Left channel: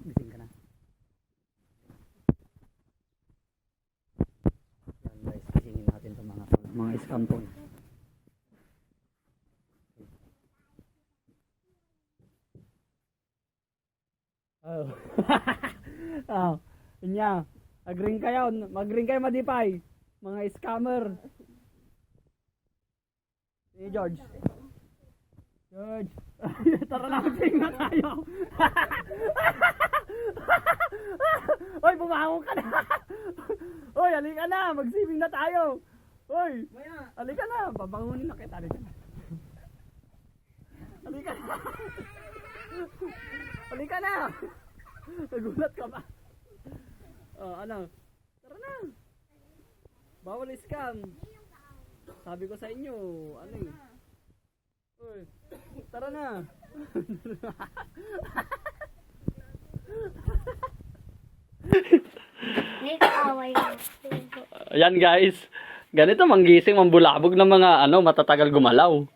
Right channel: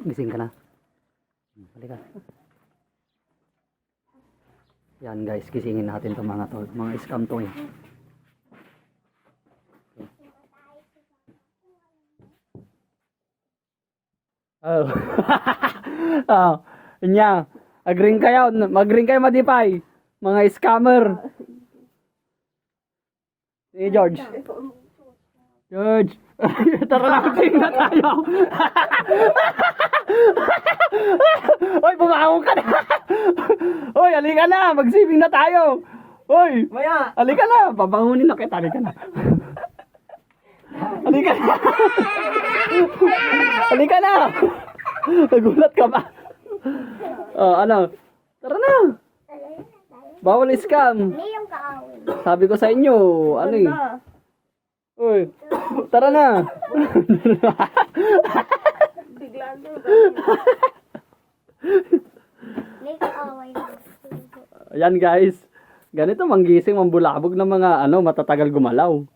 Gising ka na. Halika. Yan guys, gisingin natin itong mga to. Mga scam to eh. Oh. Oh. Inya. Agring kayo. Magring kayo madipay. Mga scammer. Si George. George. Tara na, magsing na tayo. Oy, bumangon ka na. Oy, halika na. Magsiving na tayo. Oy, Maya! halika na. Babangunin na kita. Halika na. Halika na. Halika na. Nagulat ka ba? Oh, ano? Tara na. Bawal scam. Sabi ko sa inyo, ano eh. Uy, tara na. Bigla na. Ayan guys. Ganito manggising, mambulabog ng mga ano, matatagal gumalaw.